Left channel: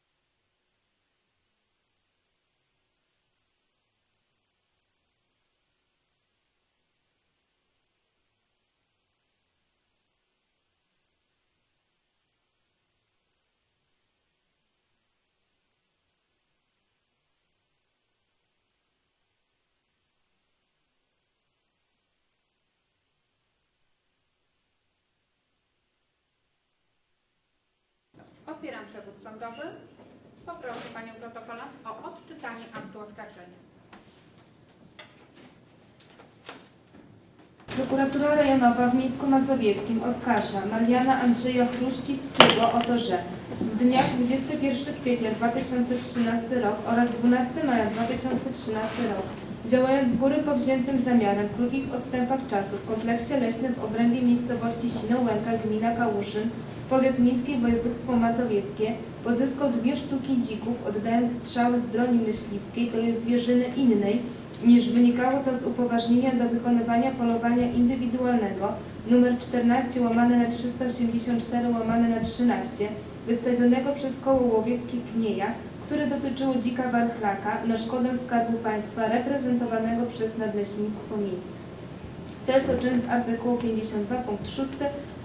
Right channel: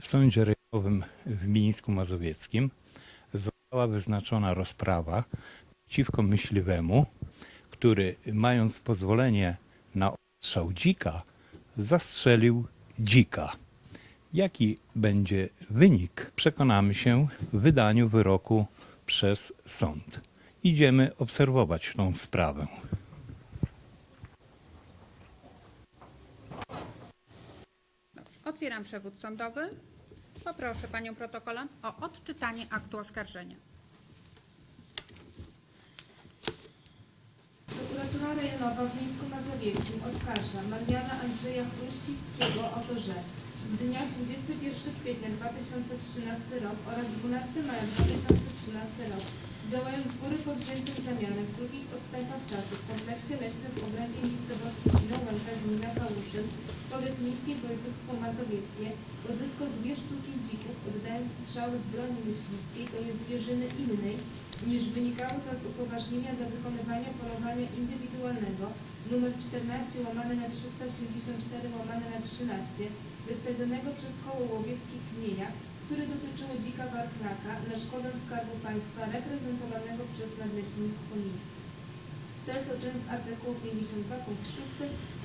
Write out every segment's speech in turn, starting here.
W Sądzie Rejonowym w Mińsku Mazowieckim została wyznaczona rozprawa przeciwko myśliwemu, który mając pozwolenie na ostrzał dzika, zastrzelił dzika. Jaki będzie wynik, przekonamy się w wydaniu wyroku przez sąd. Idziemy obserwować tą sprawę. Otwieram przewód sądowy. Poproszę Panią protokolant o odczytanie aktu oskarżenia. Prokuratura Rejonowa w Mińsku Mazowieckim oskarża Mariana Andrzeja Chruścickiego o to, że w dniach 21 kwietnia 2013 rok oraz 12 maja 2013 rok działając z góry powziętym zamiarem w krótkich odstępach czasu w kompleksie leśnym w obrębie miejscowości Sinołęka, gmina Kałuszyn, powiat miejski województwo mazowieckie, pozyskał dwie sztuki dzików, oddając strzały z broni myśliwskiej, to jest zwierzyny innej, niż wynikało to z upoważnienia do wykonywania polowania indywidualnego nr 14 łamane na 384 łamane na 13 wystawionego przez koło łowieckie Knieja, które dotyczyło dzika warchlaka na szkodę Skarbu Państwa reprezentowanego przez Nadleśnictwo Miejskie. To jest o czym w artykułu 52 punkt 6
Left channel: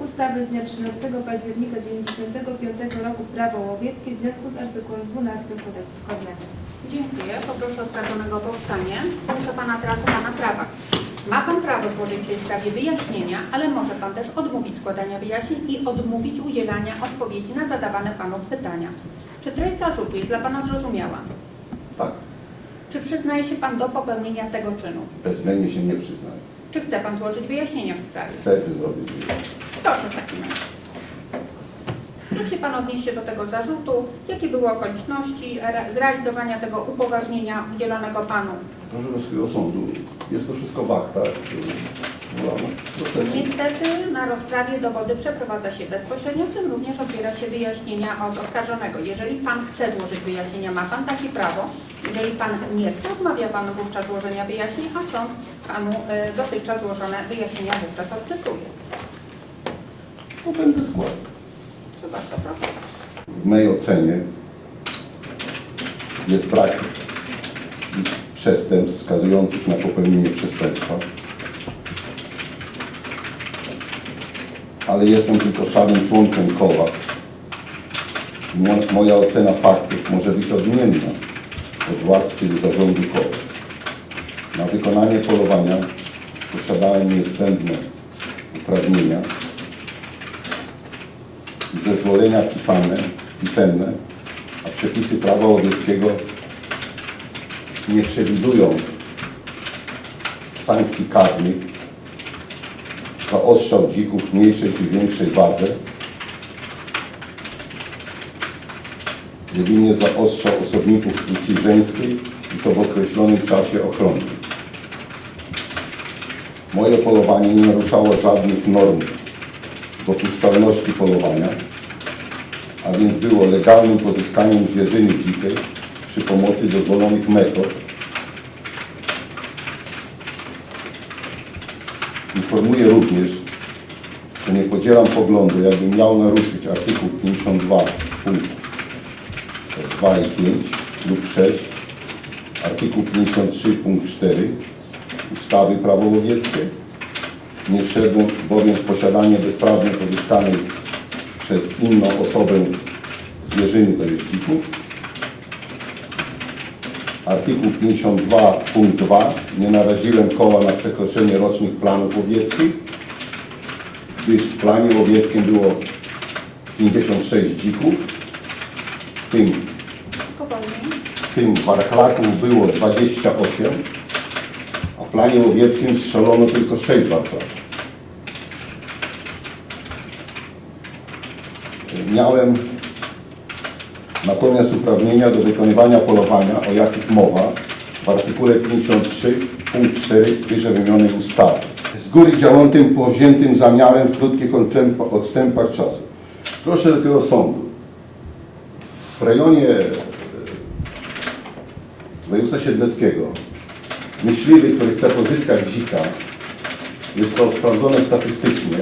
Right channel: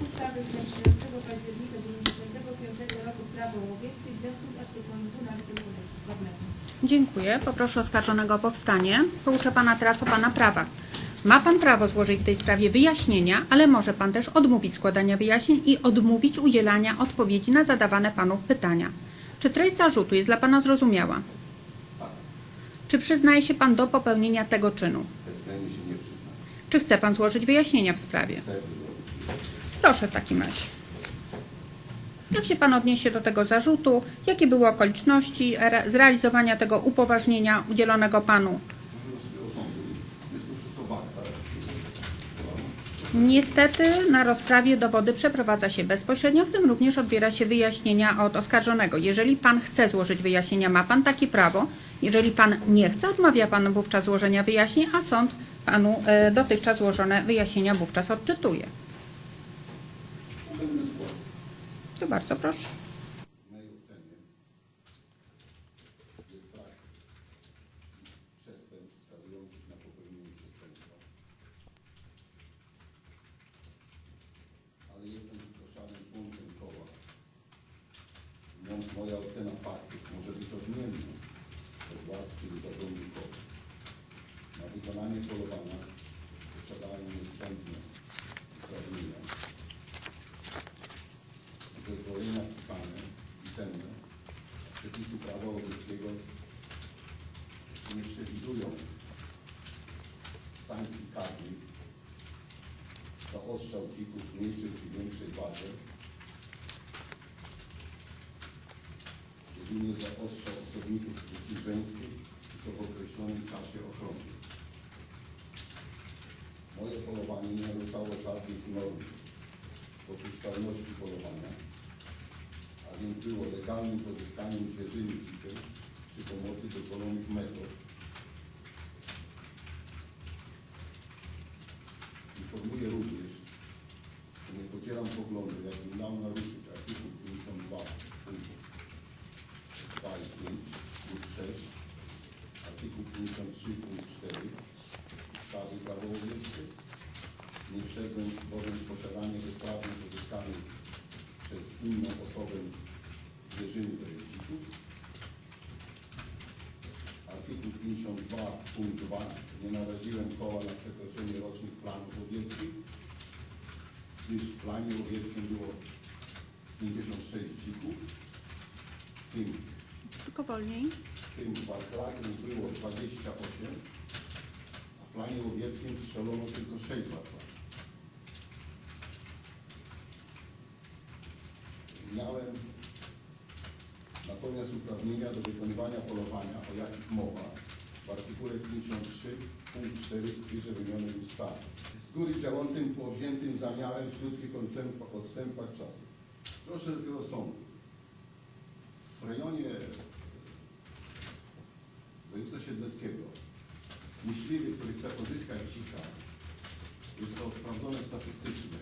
ustawy z dnia 13 października 1995 roku Prawo łowieckie w związku z artykułem 12 kodeksu karnego. Dziękuję. Poproszę oskarżonego o powstanie. Pouczę Pana teraz o Pana prawach. Ma Pan prawo złożyć w tej sprawie wyjaśnienia, ale może Pan też odmówić składania wyjaśnień i odmówić udzielania odpowiedzi na zadawane Panu pytania. Czy treść zarzutu jest dla Pana zrozumiała? Tak, Czy przyznaje się Pan do popełnienia tego czynu? bezwzględnie się nie przyznaję. Czy chce Pan złożyć wyjaśnienia w sprawie? Chcę zrobić. Proszę w takim razie. Jak się Pan odniesie do tego zarzutu? Jakie były okoliczności re- zrealizowania tego upoważnienia udzielonego Panu? Proszę Wysokiego Sądu, jest to wszystko bakta. Niestety na rozprawie dowody przeprowadza się bezpośrednio, w tym również odbiera się wyjaśnienia od oskarżonego. Jeżeli Pan chce złożyć wyjaśnienia, ma Pan takie prawo. Jeżeli Pan nie chce, odmawia Pan wówczas złożenia wyjaśnień, a sąd Panu e, dotychczas złożone wyjaśnienia wówczas odczytuje. No będę składał. To bardzo proszę. W mojej ocenie jest brak przestępstw wskazujących na popełnienie przestępstwa. Ale jestem tylko szarym członkiem koła. Moja ocena faktów może być odmienna od władz czy zarządu koła. Na wykonanie polowania posiadałem niezbędne uprawnienia i zezwolenia pisane, pisemne, a przepisy prawa łowieckiego nie przewidują sankcji karnych za ostrzał dzików mniejszej czy większej wadze, jedynie za ostrzał osobników płci żeńskiej i to w określonym czasie ochronnym. Moje polowanie nie naruszało żadnych norm dopuszczalności polowania, a więc było legalnym pozyskaniem zwierzyny dzikiej przy pomocy dozwolonych metod. Informuję również, że nie podzielam poglądu, jakbym miał naruszyć artykuł 52 punkt 2 i 5 lub 6, artykuł 53 punkt 4 ustawy Prawo łowieckie, nie wszedł bowiem w posiadanie bezprawnie pozyskanej przez inną osobę zwierzyny, to jest dzików. Artykuł 52 punkt 2. Nie naraziłem koła na przekroczenie rocznych planów łowieckich, gdyż w planie łowieckim było 56 dzików, w tym, w tym warchlaków było 28, a w planie łowieckim strzelono tylko 6 warchlaków. Miałem natomiast uprawnienia do wykonywania polowania, o jakich mowa w artykule 53 punkt 4 wyżej wymienionej ustawy. Z góry działającym powziętym zamiarem w krótkich odstęp- odstępach czasu. Proszę tego sądu. W rejonie e, województwa siedleckiego myśliwy, który chce pozyskać dzika, jest to sprawdzone statystycznie,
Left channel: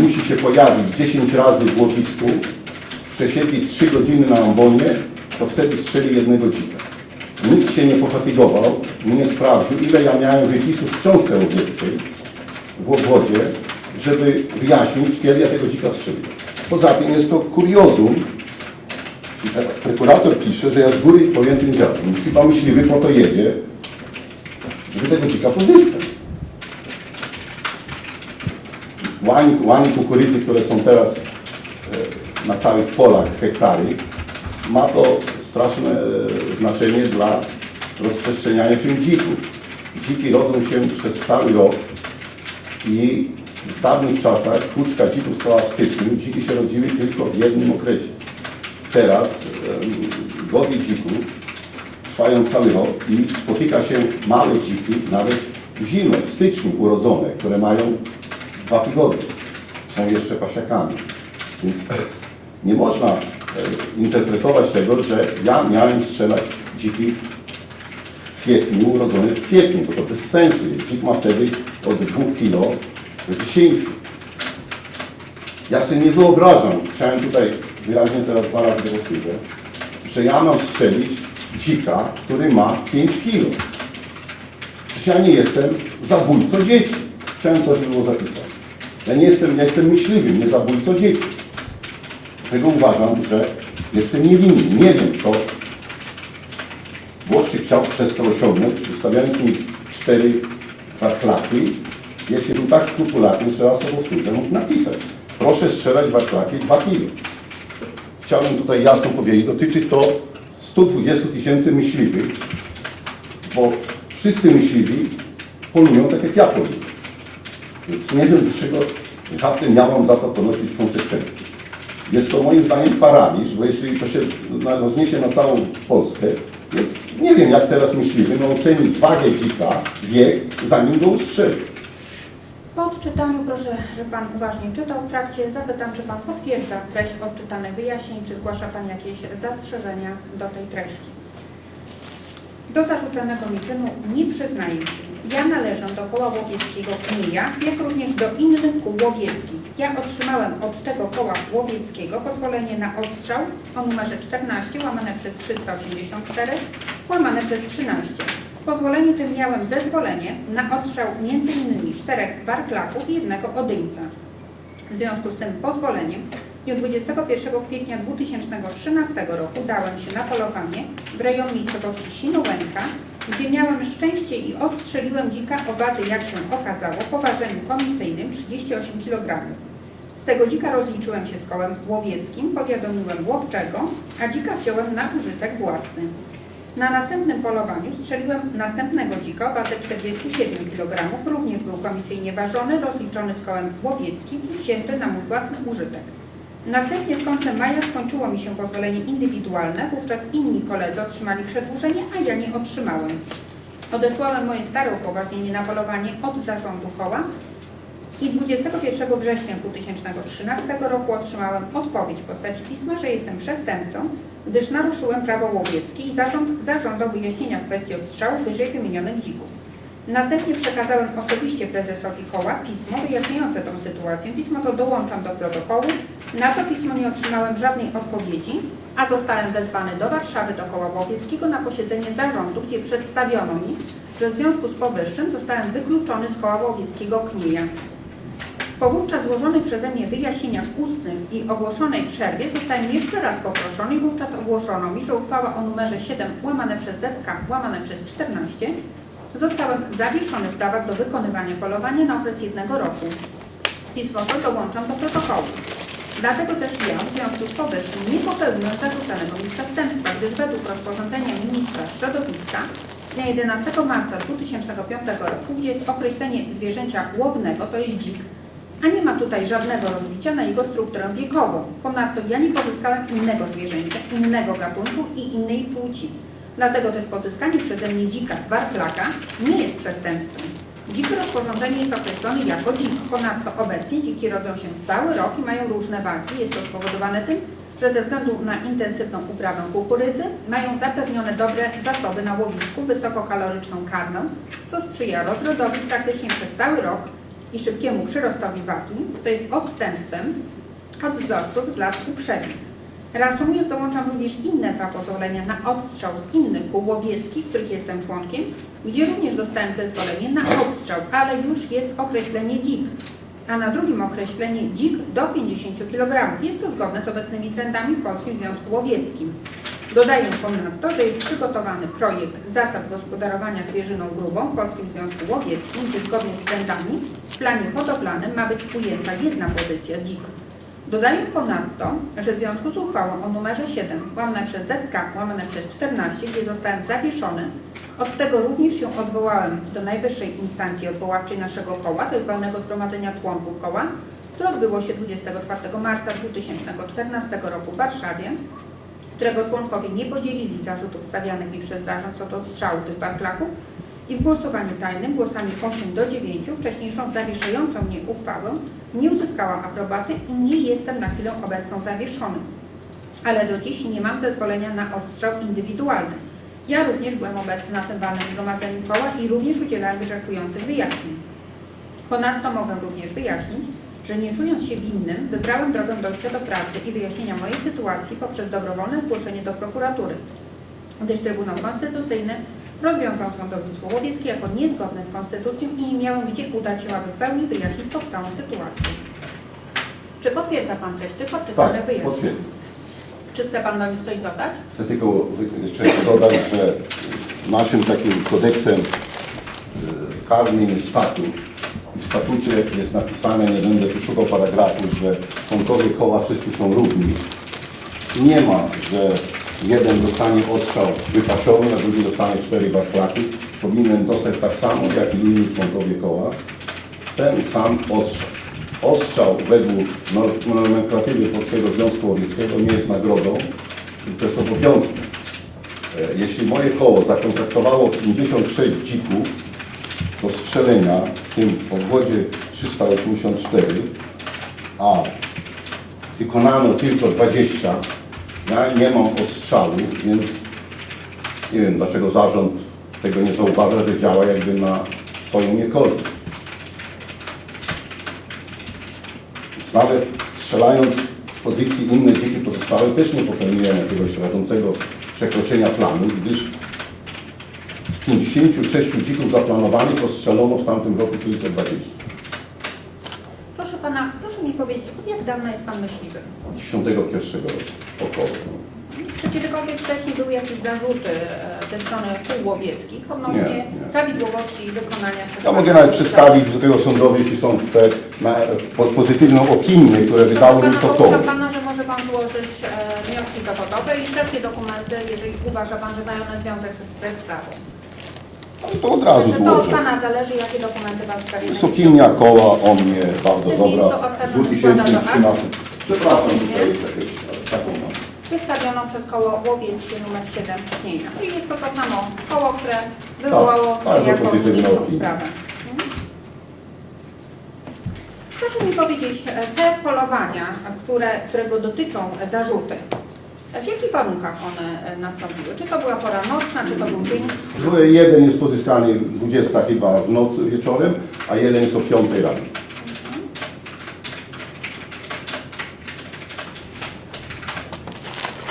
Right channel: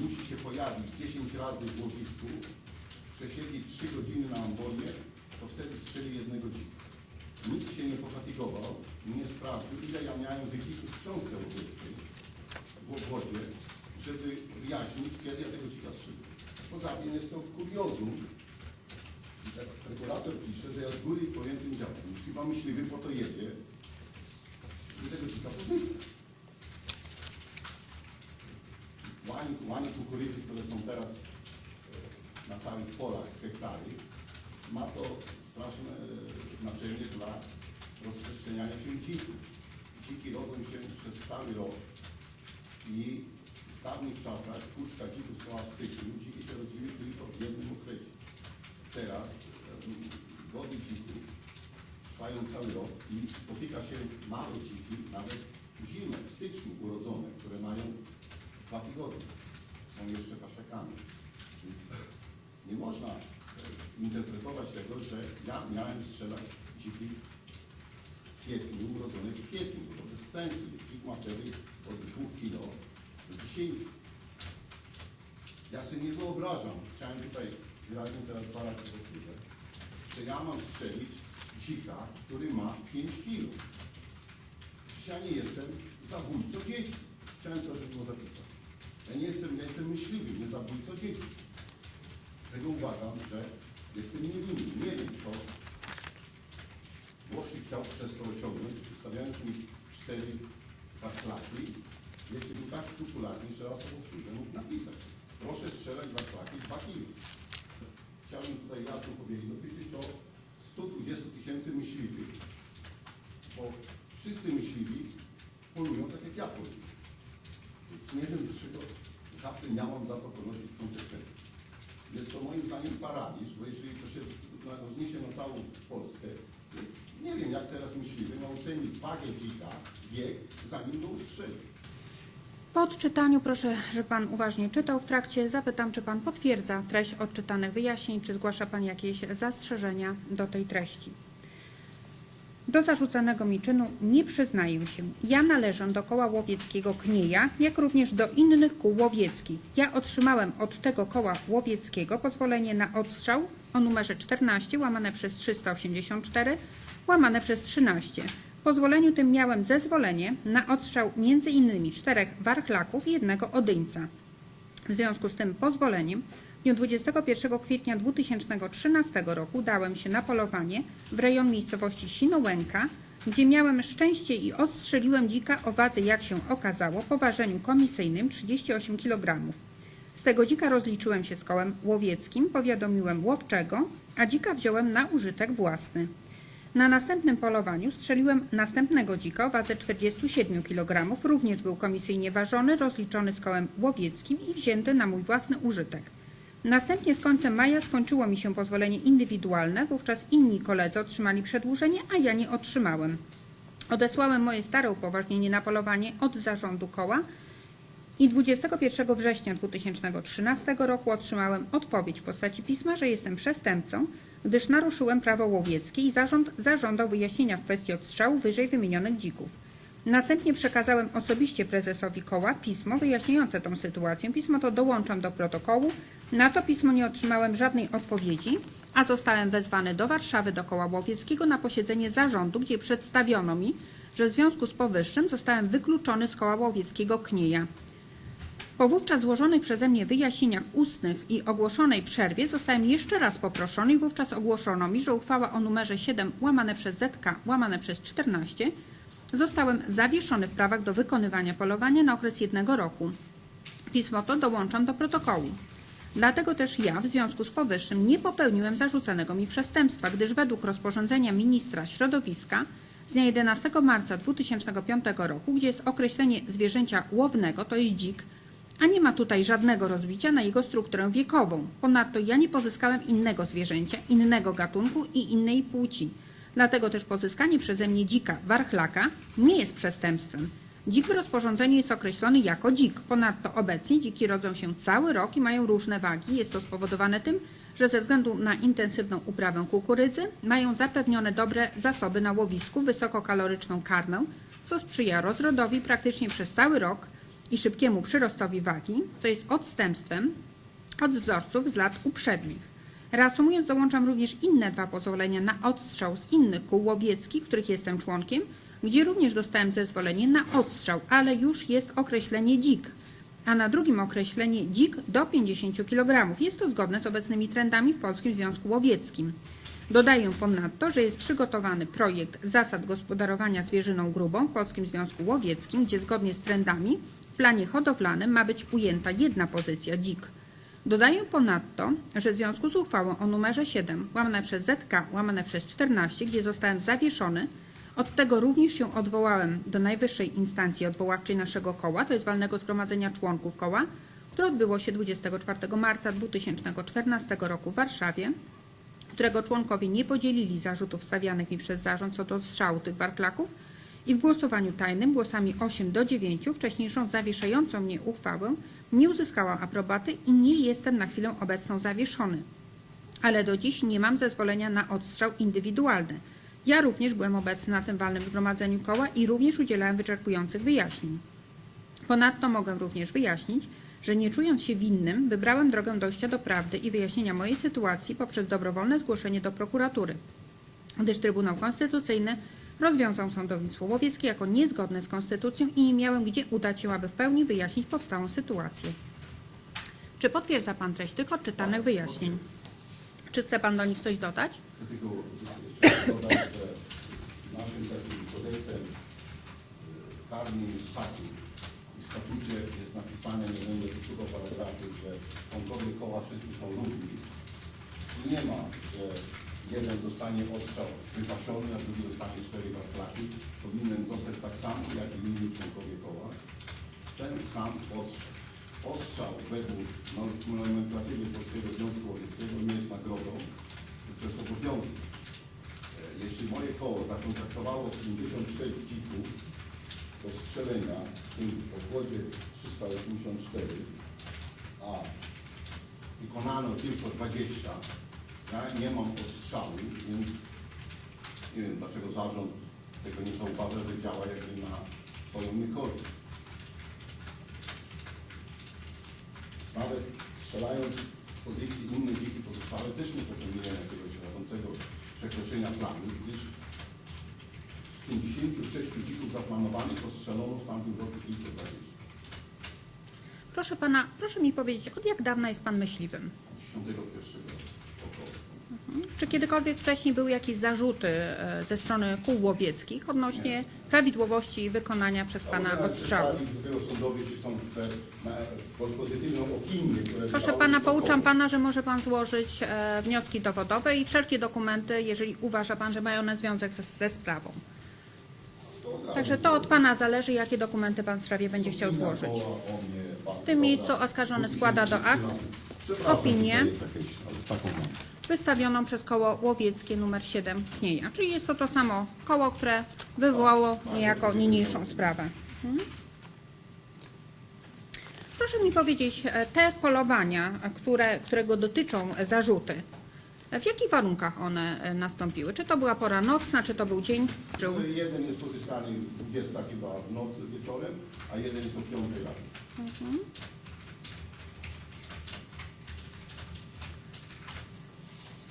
musi się pojawić 10 razy w łowisku, przesiedzieć 3 godziny na ambonie to wtedy strzeli jednego dzika. Nikt się nie pofatygował nie sprawdził, ile ja miałem wypisów w książce łowieckiej w obwodzie, żeby wyjaśnić, kiedy ja tego dzika strzeliłem. Poza tym jest to kuriozum, tak prokurator pisze, że ja z góry pojętym dziadem. Chyba myśliwy po to jedzie, żeby tego dzika pozyskać. Łani, łani kukurydzy, które są teraz e, na całych polach hektary, ma to straszne e, znaczenie dla rozprzestrzeniania się dzików. Dziki rodzą się przez cały rok i w dawnych czasach kuczka dzików stała w styczniu, dziki się rodziły tylko w jednym okresie. Teraz gody dzików trwają cały rok i spotyka się małe dziki nawet zimę, w styczniu urodzone, które mają dwa tygodnie. Są jeszcze pasiakami. Więc nie można e, interpretować tego, że ja miałem strzelać dziki w kwietniu, urodzone w kwietniu, bo to bez sensu. Dzik ma wtedy od 2 kg do 10. Ja sobie nie wyobrażam, chciałem tutaj wyraźnie teraz dwa razy to powtórzę, że ja mam strzelić dzika, który ma 5 kg. Przecież ja nie jestem zabójcą dzieci. Chciałem żeby było zapisane. Ja nie jestem, ja jestem myśliwym, nie zabójcą dzieci. Dlatego uważam, że jestem niewinny. Nie wiem, kto Włoszczyk chciał przez to osiągnąć, wystawiając mi cztery warklaki. Jeśli był tak skrupulatny, raz to powtórzę, mógł napisać. Proszę strzelać warklaki 2 kg. Chciałbym tutaj jasno powiedzieć, dotyczy to 120 tysięcy myśliwych, bo wszyscy myśliwi polują tak jak ja poluję. Więc nie wiem dlaczego żadnym ja mam za to ponosić konsekwencje. Jest to moim zdaniem paraliż, bo jeśli to się rozniesie na całą Polskę, więc nie wiem jak teraz myśliwy no ocenić wagę dzika, wiek, zanim go ustrzeli. Po odczytaniu proszę, żeby Pan uważnie czytał. W trakcie zapytam, czy Pan potwierdza treść odczytanych wyjaśnień, czy zgłasza Pan jakieś zastrzeżenia do tej treści. Do zarzucanego mi czynu nie przyznaję się. Ja należę do koła łowieckiego Kmija, jak również do innych kół łowieckich. Ja otrzymałem od tego koła łowieckiego pozwolenie na odstrzał o numerze 14 łamane przez 384 łamane przez 13. Pozwoleniu tym miałem zezwolenie na odstrzał m.in. czterech warklaków i jednego odyńca. W związku z tym pozwoleniem w dniu 21 kwietnia 2013 roku dałem się na polowanie w rejon miejscowości Sinołęka, gdzie miałem szczęście i odstrzeliłem dzika o wadze, jak się okazało, po ważeniu komisyjnym 38 kg. Z tego dzika rozliczyłem się z kołem łowieckim, powiadomiłem łowczego, a dzika wziąłem na użytek własny. Na następnym polowaniu strzeliłem następnego dzika o wadze 47 kg, również był komisyjnie ważony, rozliczony z kołem łowieckim i wzięty na mój własny użytek. Następnie z końcem maja skończyło mi się pozwolenie indywidualne, wówczas inni koledzy otrzymali przedłużenie, a ja nie otrzymałem. Odesłałem moje stare upoważnienie na polowanie od zarządu koła i 21 września 2013 roku otrzymałem odpowiedź w postaci pisma, że jestem przestępcą, gdyż naruszyłem prawo łowieckie i zarząd zażądał wyjaśnienia kwestii odstrzału wyżej wymienionych dzików. Następnie przekazałem osobiście prezesowi koła pismo wyjaśniające tę sytuację. Pismo to dołączam do protokołu. Na to pismo nie otrzymałem żadnej odpowiedzi, a zostałem wezwany do Warszawy do koła łowieckiego na posiedzenie zarządu, gdzie przedstawiono mi, że w związku z powyższym zostałem wykluczony z koła łowieckiego Knieja. Po wówczas złożonych przeze mnie wyjaśnieniach ustnych i ogłoszonej przerwie zostałem jeszcze raz poproszony i wówczas ogłoszono mi, że uchwała o numerze 7 łamane przez ZK łamane przez 14 zostałem zawieszony w prawach do wykonywania polowania na okres jednego roku. Pismo to dołączam do protokołu. Dlatego też ja w związku z powyższym nie popełniłem zarzucanego mi przestępstwa, gdyż według rozporządzenia ministra środowiska z dnia 11 marca 2005 roku, gdzie jest określenie zwierzęcia łownego, to jest dzik, a nie ma tutaj żadnego rozbicia na jego strukturę wiekową. Ponadto ja nie pozyskałem innego zwierzęcia, innego gatunku i innej płci. Dlatego też pozyskanie przeze mnie dzika warklaka nie jest przestępstwem. Dziki rozporządzenie jest określony jako dzik. Ponadto obecnie dziki rodzą się cały rok i mają różne wagi. Jest to spowodowane tym, że ze względu na intensywną uprawę kukurydzy mają zapewnione dobre zasoby na łowisku, wysokokaloryczną karmę, co sprzyja rozrodowi praktycznie przez cały rok i szybkiemu przyrostowi wagi, co jest odstępstwem od wzorców z lat uprzednich. Reasumując, dołączam również inne dwa pozwolenia na odstrzał z innych kół łowieckich, których jestem członkiem, gdzie również dostałem zezwolenie na odstrzał, ale już jest określenie dzik, a na drugim określenie dzik do 50 kg. Jest to zgodne z obecnymi trendami w Polskim Związku Łowieckim. Dodaję ponadto, że jest przygotowany projekt zasad gospodarowania zwierzyną grubą w Polskim Związku Łowieckim, gdzie zgodnie z trendami w planie hodowlanym ma być ujęta jedna pozycja dzik. Dodaję ponadto, że w związku z uchwałą o numerze 7 łamane przez ZK łamane przez 14, gdzie zostałem zawieszony, od tego również się odwołałem do najwyższej instancji odwoławczej naszego koła, to jest walnego zgromadzenia członków koła, które odbyło się 24 marca 2014 roku w Warszawie, którego członkowie nie podzielili zarzutów stawianych mi przez zarząd co do strzału tych barklaków i w głosowaniu tajnym głosami 8 do 9 wcześniejszą zawieszającą mnie uchwałę nie uzyskałam aprobaty i nie jestem na chwilę obecną zawieszony. Ale do dziś nie mam zezwolenia na odstrzał indywidualny. Ja również byłem obecny na tym walnym zgromadzeniu koła i również udzielałem wyczerpujących wyjaśnień. Ponadto mogę również wyjaśnić, że nie czując się winnym, wybrałem drogę dojścia do prawdy i wyjaśnienia mojej sytuacji poprzez dobrowolne zgłoszenie do prokuratury, gdyż Trybunał Konstytucyjny rozwiązał sądownictwo łowieckie jako niezgodne z konstytucją i nie miałem gdzie udać się, aby w pełni wyjaśnić powstałą sytuację. Czy potwierdza Pan treść tych odczytanych Tak, wyjaśnień? potwierdzam. Czy chce Pan do nich coś dodać? Chcę tylko jeszcze dodać, że naszym takim kodeksem y, karnym jest statut. Statucie jest napisane, nie będę tu szukał paragrafu, że członkowie koła wszyscy są równi. Nie ma, że jeden dostanie odstrzał wypaszony, a drugi dostanie cztery barklaki. Powinien dostać tak samo, jak i inni członkowie koła. Ten sam ostrzał. Ostrzał według no- nomenklatury Polskiego Związku Łowieckiego nie jest nagrodą, tylko jest obowiązkiem. Jeśli moje koło zakontraktowało 56 dzików do strzelenia, w tym obwodzie 384, a wykonano tylko 20, ja nie mam ostrzału, więc nie wiem dlaczego zarząd tego nie zauważa, że działa jakby na swoją niekorzyść. Nawet strzelając z pozycji inne dziki pozostałe też nie popełniłem jakiegoś rażącego przekroczenia planu, gdyż 56 dzików zaplanowanych ostrzelono w tamtym roku tylko 20. Proszę Pana, proszę mi powiedzieć, od jak dawna jest Pan myśliwym? Od 91 roku około. Czy kiedykolwiek wcześniej były jakieś zarzuty e, ze strony kół łowieckich odnośnie Nie, nie. prawidłowości wykonania przez Ja mogę nawet przedstawić Wysokiego Sądowi, jeśli są te na, po, pozytywną opinię, które wydało mi Pana, to pouczam Pana, że może Pan złożyć e, wnioski dowodowe i wszelkie dokumenty, jeżeli uważa Pan, że mają one związek ze, ze sprawą. Ale to od razu Także to od złożę. Pana zależy, jakie dokumenty Pan w sprawie Jest będzie opinia złożył. koła o mnie bardzo dobra. oskarżony składa do aktu 2013. Przepraszam, opinię. tutaj jest jakieś taką mam. Wystawioną przez koło łowieckie numer 7 Pnienia. Czyli jest to to samo koło, które wywołało Tak, bardzo jako pozytywna niniejszą opinia. sprawę. Mhm. Proszę mi powiedzieć, e, te polowania, które, którego dotyczą e, zarzuty, w jakich warunkach one e, nastąpiły? Czy to była pora nocna, czy to był dzień? Były- Jeden jest pozyskany 20 chyba w nocy wieczorem, a jeden jest o 5 rano.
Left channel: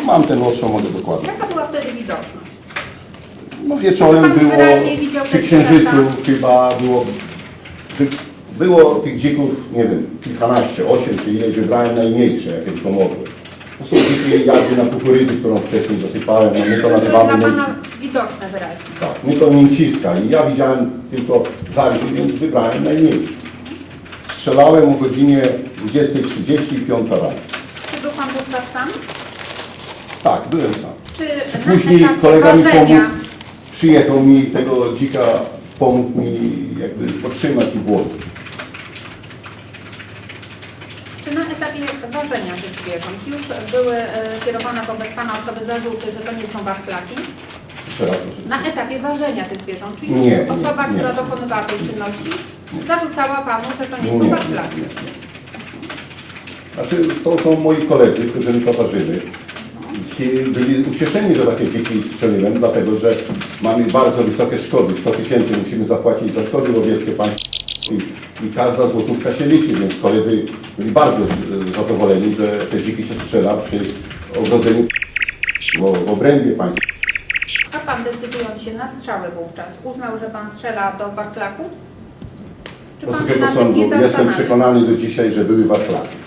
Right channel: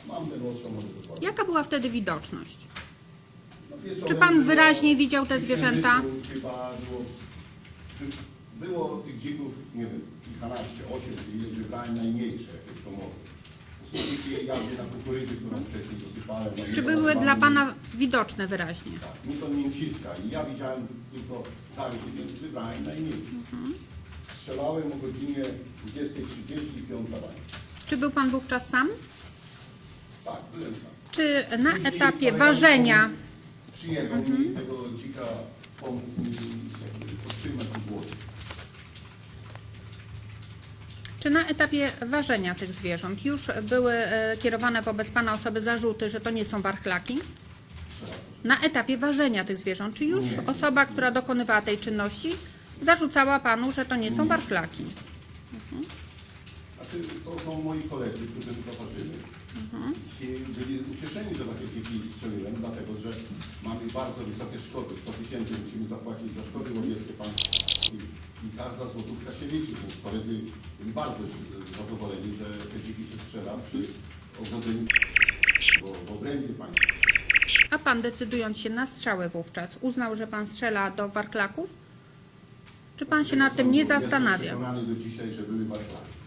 Mam ten odstrzał, mogę dokładnie. Jaka była wtedy widoczność? No wieczorem Pan było, wyraźnie widział te przy księżycu zwierzęta? chyba było, było tych dzików, nie wiem, kilkanaście, osiem czy ileś, wybrałem najmniejsze, jakie tylko mogłem. To są dziki jadły na kukurydzy, którą wcześniej zasypałem, no my to Były dla nazywamy Pana widoczne wyraźnie. tak, my to mięciska i ja widziałem tylko zarży, więc wybrałem najmniejsze. Strzelałem o godzinie 20.30 i 5 rano. Czy był Pan wówczas sam? Tak, byłem sam. Czy na Później etapie kolega mi ważenia pomógł, przyjechał mi tego dzika, pomógł mi jakby podtrzymać i włożyć. Czy na etapie ważenia tych zwierząt już były e, kierowane wobec Pana osoby zarzuty, że to nie są proszę. Na etapie ważenia tych zwierząt, czy już Nie, nie, osoba, nie. która dokonywała tej czynności, zarzucała Panu, że to nie są Nie, nie, nie. Znaczy, to są moi koledzy, którzy mi towarzyszyli. Byli ucieszeni, że takie dziki strzeliłem, dlatego że mamy bardzo wysokie szkody. 100 tysięcy musimy zapłacić za szkody łowieckie państwu i, i każda złotówka się liczy, więc koledzy byli bardzo e, zadowoleni, że te dziki się strzela przy ogrodzeniu w, w obrębie państwa. A pan decydując się na strzały wówczas, uznał, że pan strzela do warklaku? Czy pan się na tym nie jestem zastanawia? przekonany do dzisiaj, że były warklaki.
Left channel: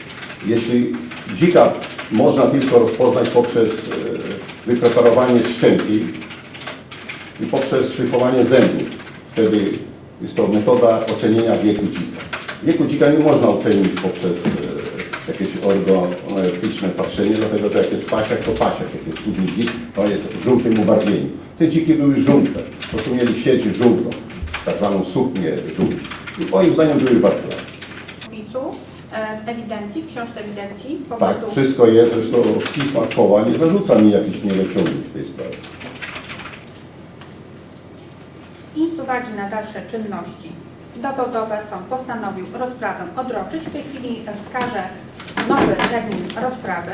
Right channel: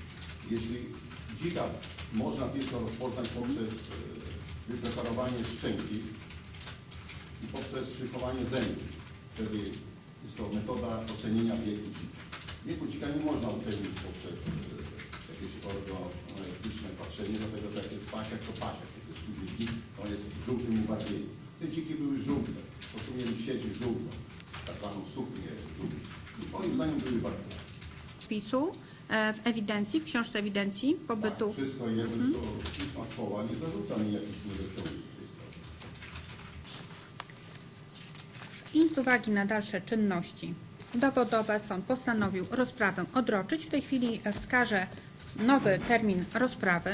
Jeśli dzika można tylko rozpoznać poprzez e, wypreparowanie szczęki i poprzez szlifowanie zębów, wtedy jest to metoda ocenienia wieku dzika. Wieku dzika nie można ocenić poprzez e, jakieś organoleptyczne patrzenie, dlatego że jak jest pasiak, to pasiak. Jak jest studni dzik, to jest w żółtym ubarwieniu. Te dziki były żółte, po prostu mieli sieć żółtą, tak zwaną suknię żółtą. I moim zdaniem były warklaki. Wpisu e, w ewidencji, w książce ewidencji Tak, wszystko jest, zresztą w pismach koła nie zarzuca mi jakichś nieleciągów w tej sprawie. i z uwagi na dalsze czynności dowodowe sąd postanowił rozprawę odroczyć. W tej chwili wskażę nowy termin rozprawy.